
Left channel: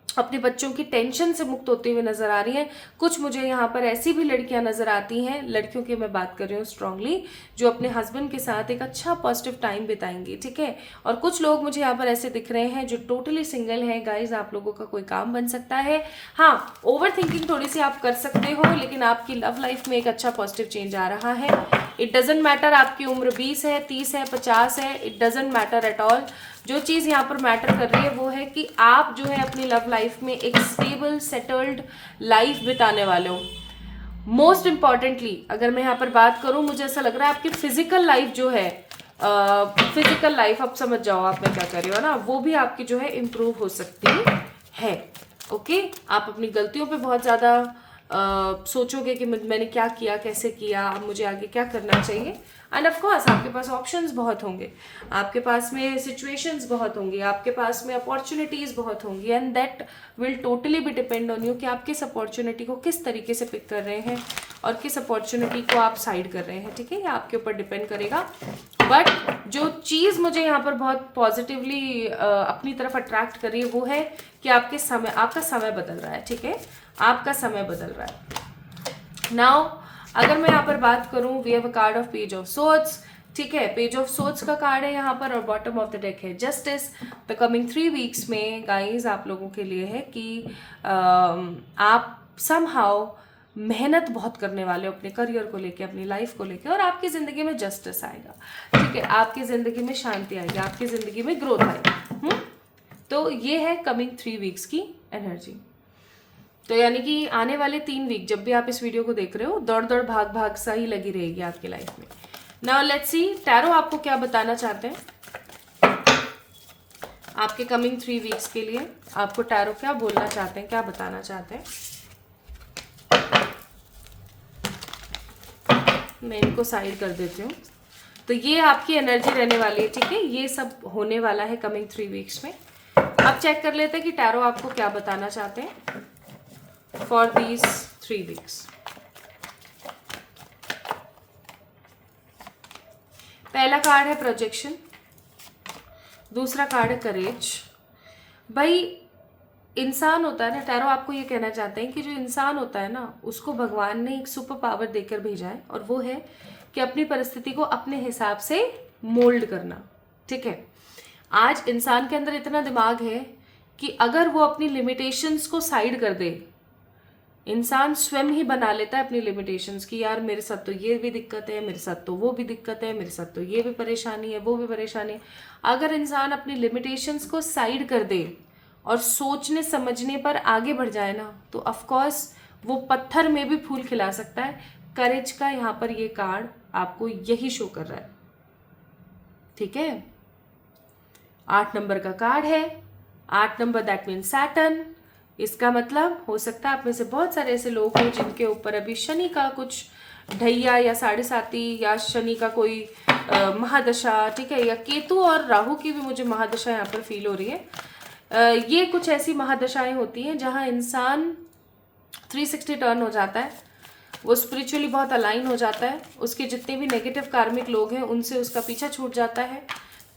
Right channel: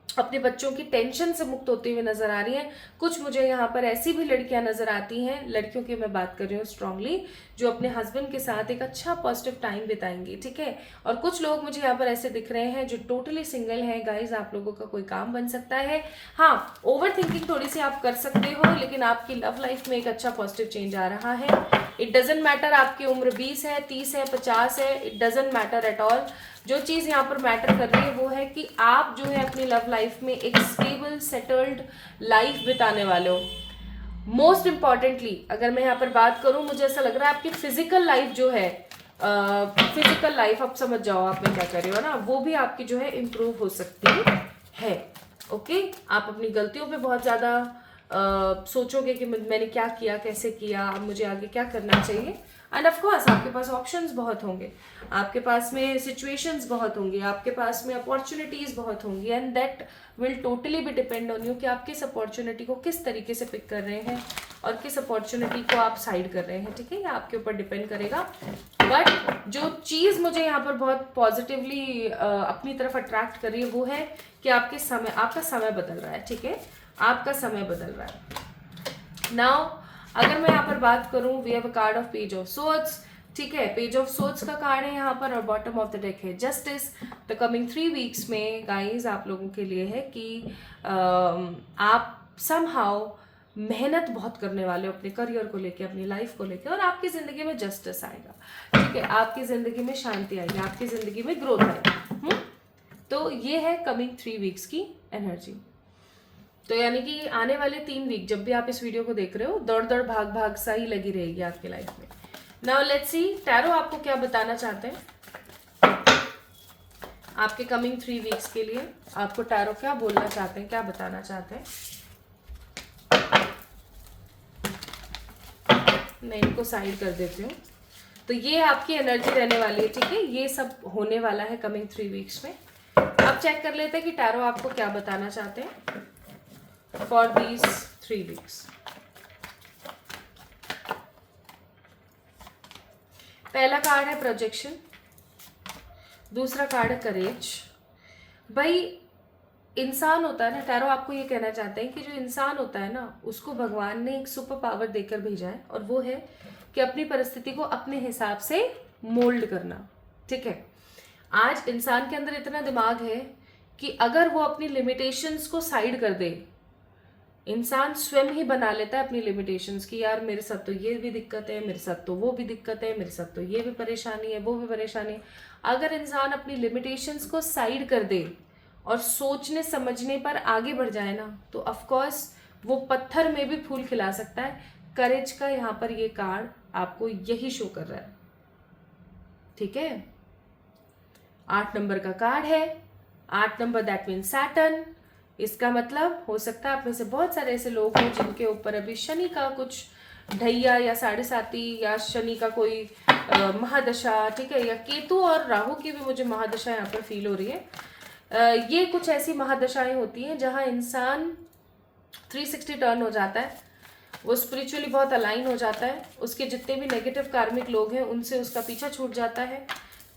अपने बच्चों की टेंशन से मुक्त होते हुए नजर आ रही हैं। कुछ मुझे यहाँ पर ऐसी भी लड़कियां नजर आती हैं, लड़कियों की मैं बात कर रही हूँ स्ट्रांगली, जो अपने हस्बैंड के साथ एक अच्छा पॉजिटिव टाइम बिताएंगी, ठीक है। और कुछ लोग मुझे यहाँ पर ऐसे दिख रहे हैं जो टोटली सिंगल हैं। गाइज, आप लोगों का कोई काम बन सकता है। हाँ, ओवर थिंकिंग थोड़ी सी आप कर सकते हो, लेकिन आपकी लव लाइफ में एक अच्छा पॉजिटिव चेंज आ रहा है। इट डजेंट मैटर आपकी उम्र 20 है, 30 है, 50 है, it doesn't matter at all. जो चीज़ यहाँ पर मैटर कर रही है वो है कि आप जो है अपनी लव लाइफ में एक स्टेबल सेटल्ड लाइफ बिताने वाले हो। मोस्ट इंपॉर्टेंटली अगर मैं यहाँ पर बात करूँ, मुझे ऐसा लग रहा है आपकी फिजिकल लाइफ जो है, फिजिकल लाइफ, आप समझ जाओ आप मैं क्या कर रही हो ना, वो भी आपकी जो है इम्प्रूव हो सकती है। ओके, आप अपनी गलतियों पे बहुत ज़्यादा सोचोगे कि मैंने क्या किया, कैसे किया, अब मुझे आगे क्या करना चाहिए। एंड ऑफ कोर्स आपके पास ऑप्शंस बहुत होंगे, आपके पास में सिचुएशंस बहुत होंगी, आपके पास में अपॉर्चुनिटीज बहुत होंगी, एंड दैट विल टोटली भी डिपेंड ऑन यू कि आप किस अपॉर्चुनिटी को किस तरीके से पिक कर रहे हैं और किस अपॉर्चुनिटी को आप साइड कर रहे हैं, ठीक है। ये आपके ऊपर डिपेंड करेगा। बट जो चीज़ मुझे यहाँ पर बहुत पॉजिटिवली अपनी तरफ अट्रैक्ट कर रही है वो है कि आपका समय बदल रहा है, ठीक है, आपका समय बदल रहा है। नाउ अगर मैं यहाँ पर बात करूँ, we have a card of page of swords, ठीक है, पेज ऑफ सोर्ड्स का कार्ड है यहाँ पर, और बॉटम ऑफ द डेक है जस्टिस। द कमिंग 3 वीक्स में गाइज आप लोगों के लिए है कि आप समहाउ मेहनत बहुत करने वाले हो अपने करियर को लेके, अपनी लाइफ को लेके, और आपकी ज़िंदगी में जस्टिस आएगा, ठीक है, आपकी ज़िंदगी में शांति आएगी, आपकी ज़िंदगी में ग्रोथ आएगी। तो ये है कमिंग 3 वीक्स की एनर्जी। तो यानी कि आने वाले 3 वीक जब भी आप इस वीडियो को देख रहे हो, दौड़ दौड़ भाग भाग सा ही लगी रहेगी आपकी लाइफ में। नाउ लेट्स सी टैरो आपको क्या बताना चाहते हैं आपके कमिंग 3 वीक्स के लिए। आपको टैरो क्या बोलना चाहते हैं, क्या बताना चाहते हैं। मैं इनको साइड कर देती हूँ। तो ये आपकी एनर्जी रहने वाली है, ठीक है, ये सब होने वाला है कमिंग 3 वीक्स में। अब चेक कर लेते हैं कि टैरो आपको क्या बताना चाहते हैं for these 3 weeks. पहला कार्ड है प्रोजेक्शन, दूसरा कार्ड है करेज। भाई इंसान होता है ना, टैरो आपको ये कहना चाहते हैं कि जो इंसान होता है ना, उसको भगवान ने एक सुपर पावर देकर भेजा है, और वो है कि अपनी परिस्थिति को अपने हिसाब से मोल्ड करना, ठीक है। आज इंसान के अंदर इतना दिमाग है कि अगर वो अपनी लिमिटेशंस को साइड कर दे, इंसान स्वयं ही बना लेता है अपनी लिमिटेशंस की, यार मेरे साथ तो ये भी दिक्कत है, मेरे साथ तो वो भी दिक्कत है, मेरे साथ तो ये भी परेशानी है, वो भी परेशानी है। अगर इंसान अपनी लिमिटेशंस को साइड कर दे और सोचने समझने पर आगे बढ़ जाए ना, तो ऑफ कोर्स वो पत्थर में भी फूल खिला सकता है। करेज का यहाँ पर ये कार्ड आपको यही शो कर रहा है, ठीक है। 8 नंबर का कार्ड है, 8 नंबर दैट मीन सैटर्न। इसका मतलब हो सकता है आप में से बहुत सारे ऐसे लोग हैं जिनके ऊपर अभी शनि का कुछ ढैया या 7.5 या शनि का कोई महादशा, ठीक है, या केतु और राहु की भी मुझे महादशा यहाँ पर फील हो रही है। ये कुछ ऐसी महादशाएं होती हैं जहाँ इंसान 360 टर्न हो जाता है, वो स्पिरिचुअली बहुत अलाइन हो जाता है, उसके जितने भी नेगेटिव कार्मिक लोग हैं उनसे उसका पीछा छूट जाता है,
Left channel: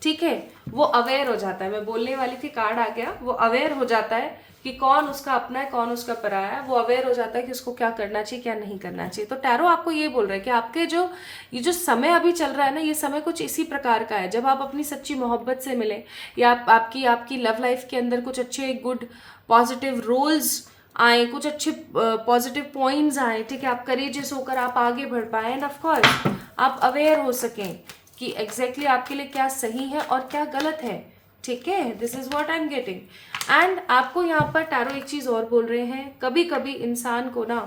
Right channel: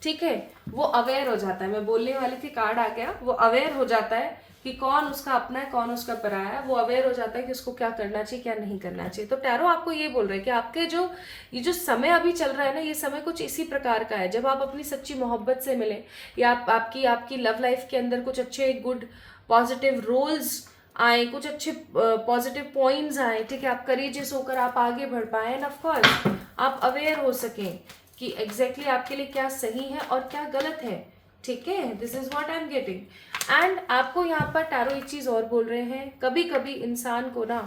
ठीक है, वो अवेयर हो जाता है। मैं बोलने वाली थी, कार्ड आ गया, वो अवेयर हो जाता है कि कौन उसका अपना है, कौन उसका पराया है। वो अवेयर हो जाता है कि उसको क्या करना चाहिए, क्या नहीं करना चाहिए। तो टैरो आपको ये बोल रहा है कि आपके ये जो समय अभी चल रहा है ना, ये समय कुछ इसी प्रकार का है, जब आप अपनी सच्ची मोहब्बत से मिले, या आपकी लव लाइफ के अंदर कुछ अच्छे गुड पॉजिटिव रोल्स आए, कुछ अच्छे पॉजिटिव पॉइंट्स आए, ठीक है, आप करेजियस होकर आप आगे बढ़ पाए, एंड ऑफ कोर्स आप अवेयर हो सकें कि एग्जैक्टली आपके लिए क्या सही है और क्या गलत है, ठीक है। This is what I am getting. And आपको यहाँ पर टैरो एक चीज और बोल रहे हैं, कभी कभी इंसान को ना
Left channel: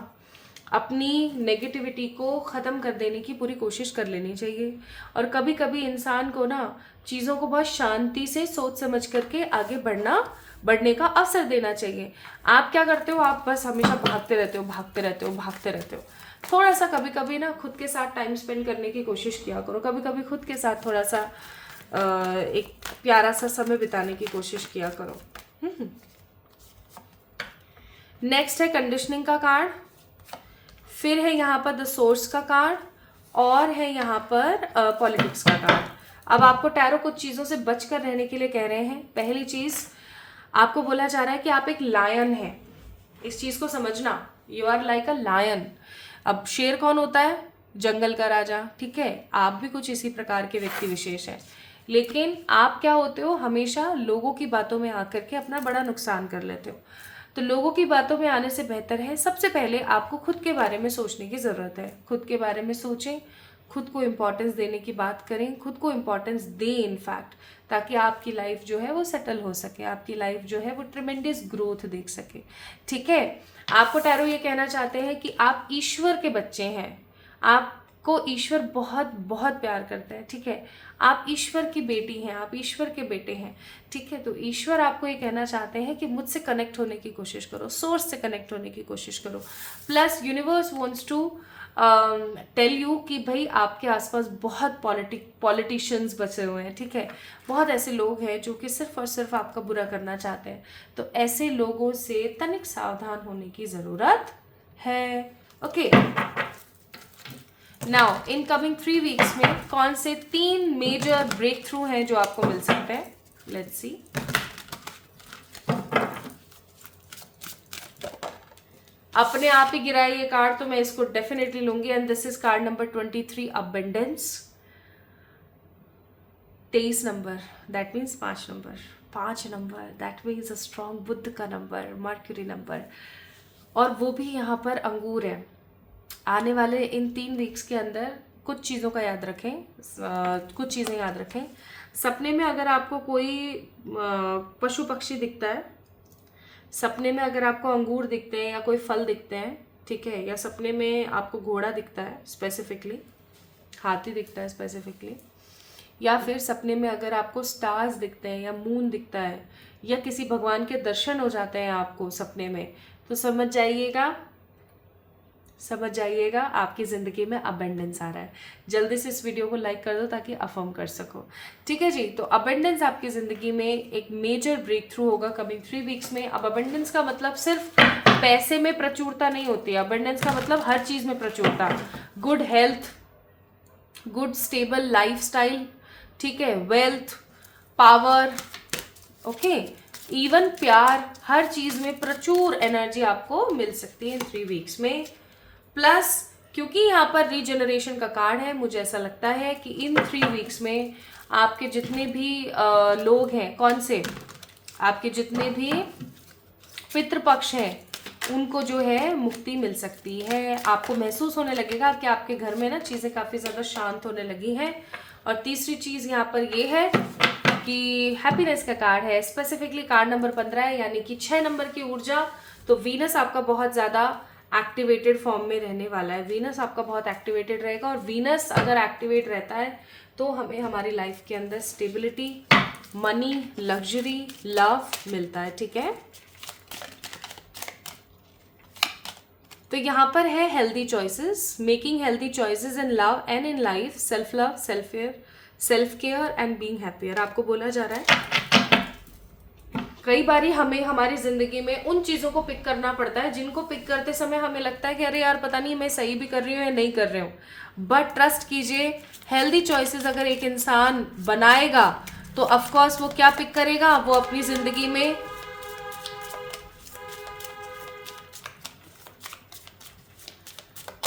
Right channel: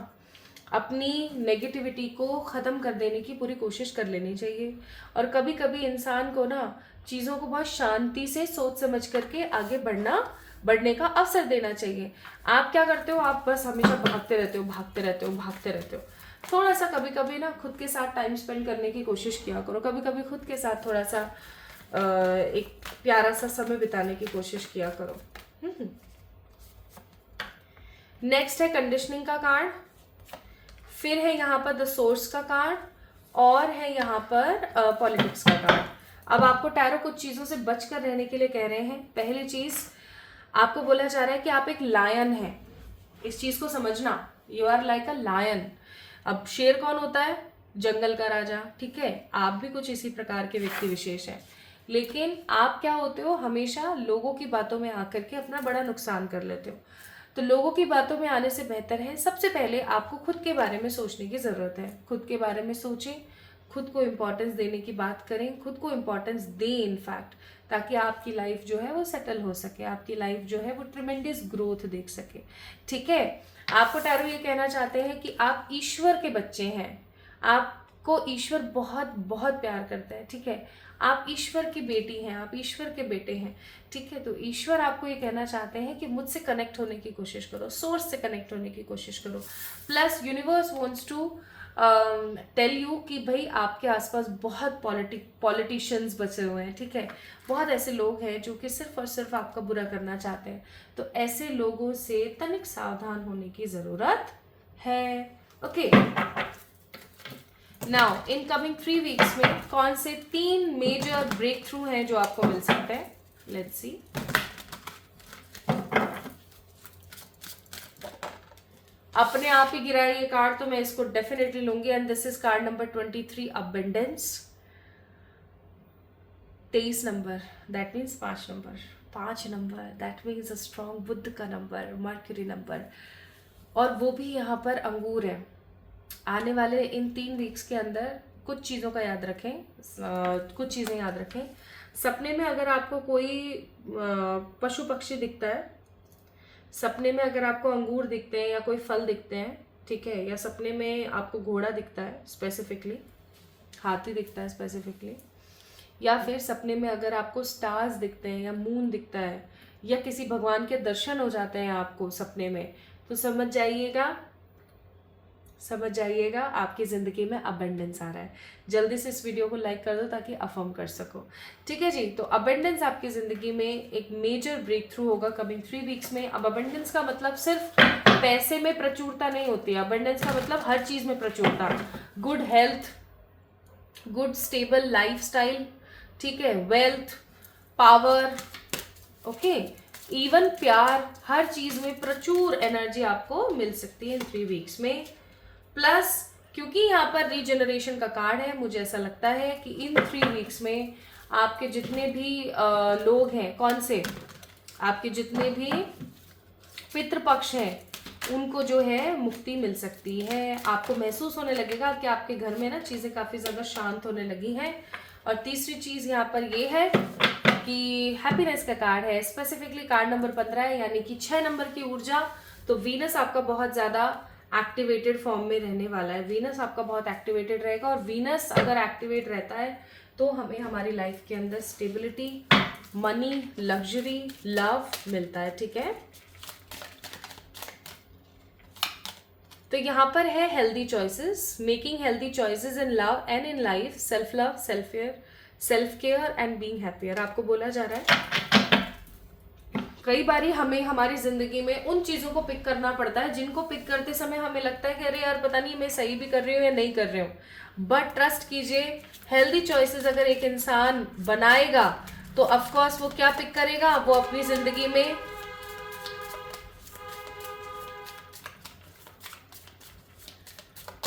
अपनी नेगेटिविटी को ख़त्म कर देने की पूरी कोशिश कर लेनी चाहिए, और कभी कभी इंसान को ना चीज़ों को बहुत शांति से सोच समझ करके आगे बढ़ने का अवसर देना चाहिए। आप क्या करते हो, आप बस हमेशा भागते रहते हो। थोड़ा सा कभी कभी ना खुद के साथ टाइम स्पेंड करने की कोशिश किया करो, कभी कभी खुद के साथ थोड़ा सा एक प्यारा सा समय बिताने की कोशिश किया करो। नेक्स्ट है कंडीशनिंग का कार्ड, फिर है यहाँ पर द सोर्स का कार्ड, और है यहाँ पर पॉलिटिक्स का कार्ड। अब आपको टैरो कुछ चीज़ों से बचकर रहने के लिए कह रहे हैं। पहली चीज़ आपको बोला जा रहा है कि आप एक लायन हैं, इस चीज़ को समझना, you are like a lion. अब शेर कौन होता है? जंगल का राजा, ठीक है, आप भी कुछ इसी प्रकार के व्यक्ति विशेष हैं। लेकिन आप क्या होते हो, हमेशा लोगों की बातों में आकर के अपना बड़ा नुकसान कर लेते हो। तो लोगों की बातों में आने से बेहतर है सबसे पहले आपको खुद के बारे में सोचने की ज़रूरत है। खुद के बारे में सोचें, खुद को इम्पोर्टेंस देने की बात करें, खुद को इम्पोर्टेंस दें इनफैक्ट, ताकि आपकी लाइफ जो है वो सेटल हो सके, आपकी लाइफ जो है वो ट्रिमेंडस ग्रोथ देख सके, ठीक है। आपको टैरो ये कहना चाहते हैं कि आप ईश्वर के बच्चे हैं, आपको ईश्वर बहुत बहुत प्यार करता है, ठीक है। आप ईश्वर की बेटी हैं, आप ईश्वर के बेटे हैं, ठीक है। तो ईश्वर आपको ये कहना चाहते हैं कि मुझसे कनेक्ट होने की कोशिश करो, सोर्स से कनेक्ट होने की कोशिश करो। Plus universe wants to tell you कि भाई आपके आसपास बहुत पॉलिटिशियंस बचे हुए हैं, ठीक है। बहुत ऐसे लोग हैं जो कि सिर्फ और सिर्फ आपका बुरा करना चाहते हैं। तो ऐसे लोगों से तनिक सावधान होने की ज़रूरत है, okay. Now in coming 3 weeks में कौन से 3 मेजर ब्रेक थ्रू हैं जो आपको मिल सकते हैं? Let's see. अपने आप ही गिरा है ये कार्ड, तो मैं इसको डेफिनेटली लूंगी। And this is called number 23, abundance. 23 number, that means 5 number, 5 number that means a strong Buddha का नंबर, मर्क्यूरी नंबर, और वो भी यहाँ पर अंगूर है। आने वाले इन 3 वीक्स के अंदर कुछ चीज़ों का याद रखें, कुछ चीज़ें याद रखें। सपने में अगर आपको कोई पशु पक्षी दिखता है, सपने में अगर आपको अंगूर दिखते हैं या कोई फल दिखते हैं, ठीक है, या सपने में आपको घोड़ा दिखता है स्पेसिफिकली, हाथी दिखता है स्पेसिफिकली, या फिर सपने में अगर आपको स्टार्स दिखते हैं या मून दिखता है या किसी भगवान के दर्शन हो जाते हैं आपको सपने में, तो समझ जाइएगा आपकी ज़िंदगी में अबेंडेंस आ रहा है। जल्दी से इस वीडियो को लाइक कर दो ताकि अफर्म कर सको, ठीक है जी। तो अबेंडेंस आपकी ज़िंदगी में एक मेजर ब्रेक थ्रू होगा कमिंग 3 वीक्स में। अब अबेंडेंस का मतलब सिर्फ पैसे में प्रचुरता नहीं होती है, अबेंडेंस का मतलब हर चीज़ में प्रचुरता, good health, good stable life style, ठीक है, वेल्थ, पावर, ओके, इवन प्यार, हर चीज़ में प्रचुर एनर्जी आपको मिल सकती है इन 3 वीक्स में। प्लस क्योंकि यहाँ पर रीजनरेशन का कार्ड है, मुझे ऐसा लगता है कि इन 3 वीक्स में आपके जितने भी लोग हैं, कौन से, आपके जितने भी पितृपक्ष हैं उनको जो है मुक्ति मिल सकती है। आपको महसूस होने लगेगा कि आपके घर में ना चीज़ें काफ़ी ज़्यादा शांत होने लगी हैं। और तीसरी चीज़ यहाँ पर ये है कि हैप्पीनेस का कार्ड है, स्पेसिफिकली कार्ड नंबर 15 है, यानी कि 6 नंबर की ऊर्जा। तो वीनस आपका बहुत ज़्यादा एक्टिवेटेड फॉर्म में रहने वाला है, वीनस आपका बहुत एक्टिवेटेड रहेगा। और वीनस अगर एक्टिवेट रहता है तो हमें हमारी लाइफ के अंदर स्टेबिलिटी, मनी, लग्जरी, लव मिलता है, ठीक है। तो यहाँ पर है healthy choices, making healthy choices in love and in life, self love, self care and being happier आपको बोला जा रहा है। कई बारी हमें हमारी ज़िंदगी में उन चीज़ों को पिक करना पड़ता है जिनको पिक करते समय हमें लगता है कि अरे यार पता नहीं मैं सही भी कर रही हूँ या नहीं कर रही हूँ। बट ट्रस्ट कीजिए, हेल्दी चॉइसेस अगर एक इंसान बनाएगा तो ऑफकोर्स वो क्या पिक करेगा, वो अपनी ज़िंदगी में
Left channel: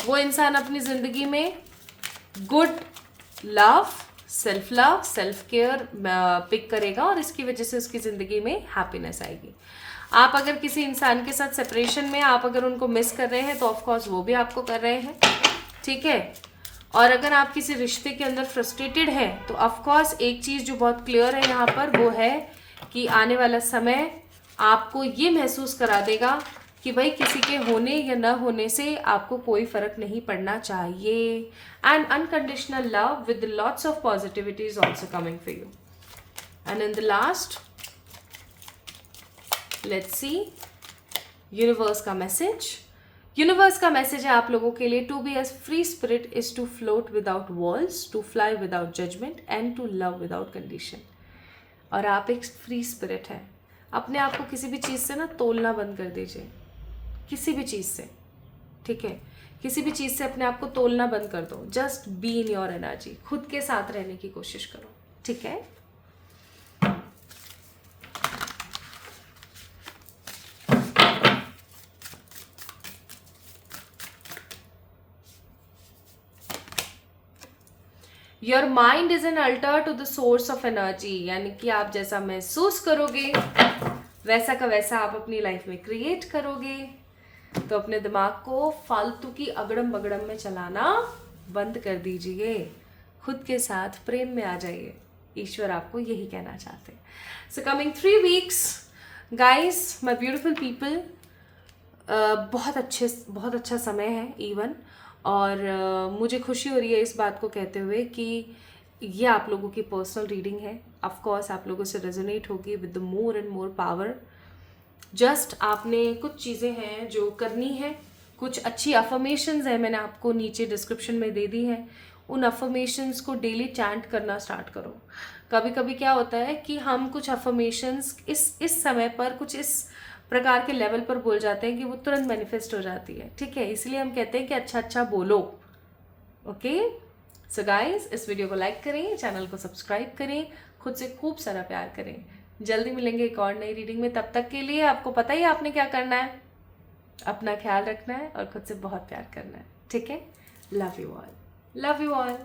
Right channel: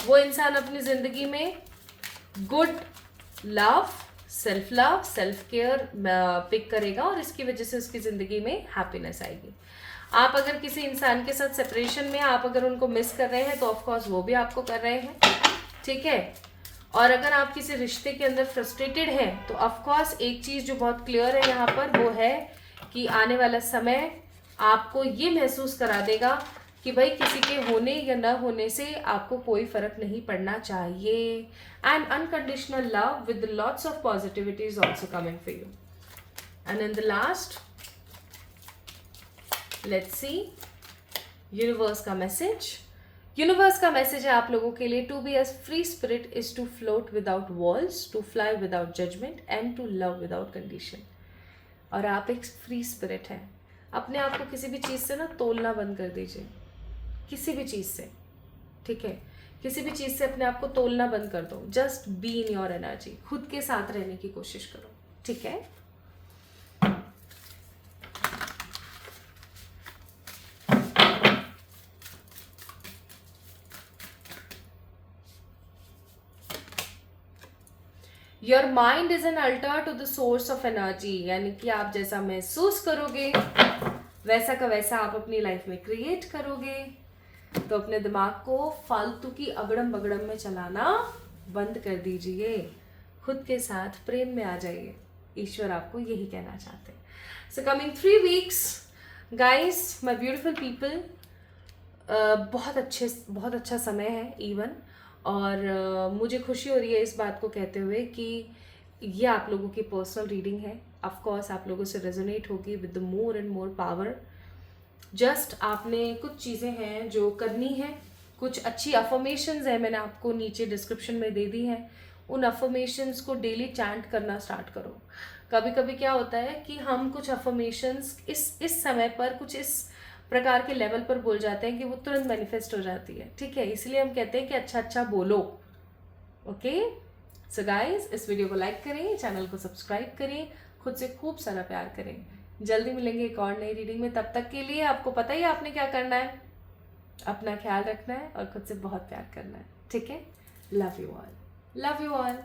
वो इंसान अपनी ज़िंदगी में good love, self care pick करेगा और इसकी वजह से उसकी ज़िंदगी में हैप्पीनेस आएगी। आप अगर किसी इंसान के साथ सेपरेशन में, आप अगर उनको मिस कर रहे हैं तो ऑफकोर्स वो भी आपको कर रहे हैं, ठीक है। और अगर आप किसी रिश्ते के अंदर फ्रस्ट्रेटेड हैं तो ऑफकोर्स एक चीज़ जो बहुत क्लियर है यहाँ पर वो है कि आने वाला समय आपको ये महसूस करा देगा कि भाई किसी के होने या न होने से आपको कोई फर्क नहीं पड़ना चाहिए। And unconditional love with lots of positivity is also coming for you. And in the last, let's see universe का मैसेज। यूनिवर्स का मैसेज है आप लोगों के लिए, to be a free spirit is to float without walls, to fly without judgement and to love without condition. और आप एक फ्री स्पिरिट है, अपने आप को किसी भी चीज़ से ना तोलना बंद कर दीजिए। किसी भी चीज़ से, ठीक है, किसी भी चीज़ से अपने आप को तोलना बंद कर दो। Just be in your energy, खुद के साथ रहने की कोशिश करो, ठीक है। Your mind is an altar to the source of energy, यानी कि आप जैसा महसूस करोगे वैसा का वैसा आप अपनी लाइफ में क्रिएट करोगे। तो अपने दिमाग को फालतू की अगड़म बगड़म में चलाना बंद कर दीजिए, खुद के साथ प्रेम में आ जाइए। ईश्वर आपको यही कहना चाहते हैं। So coming 3 weeks guys, my beautiful people, बहुत अच्छा समय है इवन, और मुझे खुशी हो रही है इस बात को कहते हुए कि ये आप लोगों की पर्सनल रीडिंग है। ऑफ कोर्स आप लोगों से रेजोनेट होगी with the more and more power. Just आपने कुछ चीज़ें हैं जो करनी है, कुछ अच्छी अफर्मेशंस है, मैंने आपको नीचे डिस्क्रिप्शन में दे दी है। उन अफर्मेशंस को डेली चैंट करना स्टार्ट करो। कभी कभी क्या होता है कि हम कुछ अफर्मेशंस इस समय पर कुछ इस प्रकार के लेवल पर बोल जाते हैं कि वो तुरंत मैनिफेस्ट हो जाती है, ठीक है। इसलिए हम कहते हैं कि अच्छा अच्छा बोलो, ओके। सो गाइस, इस वीडियो को लाइक करें, चैनल को सब्सक्राइब करें, खुद से खूब सारा प्यार करें। जल्दी मिलेंगे एक और नई रीडिंग में। तब तक के लिए आपको पता ही है आपने क्या करना है, अपना ख्याल रखना है और खुद से बहुत प्यार करना है, ठीक है। Love you all, love you all.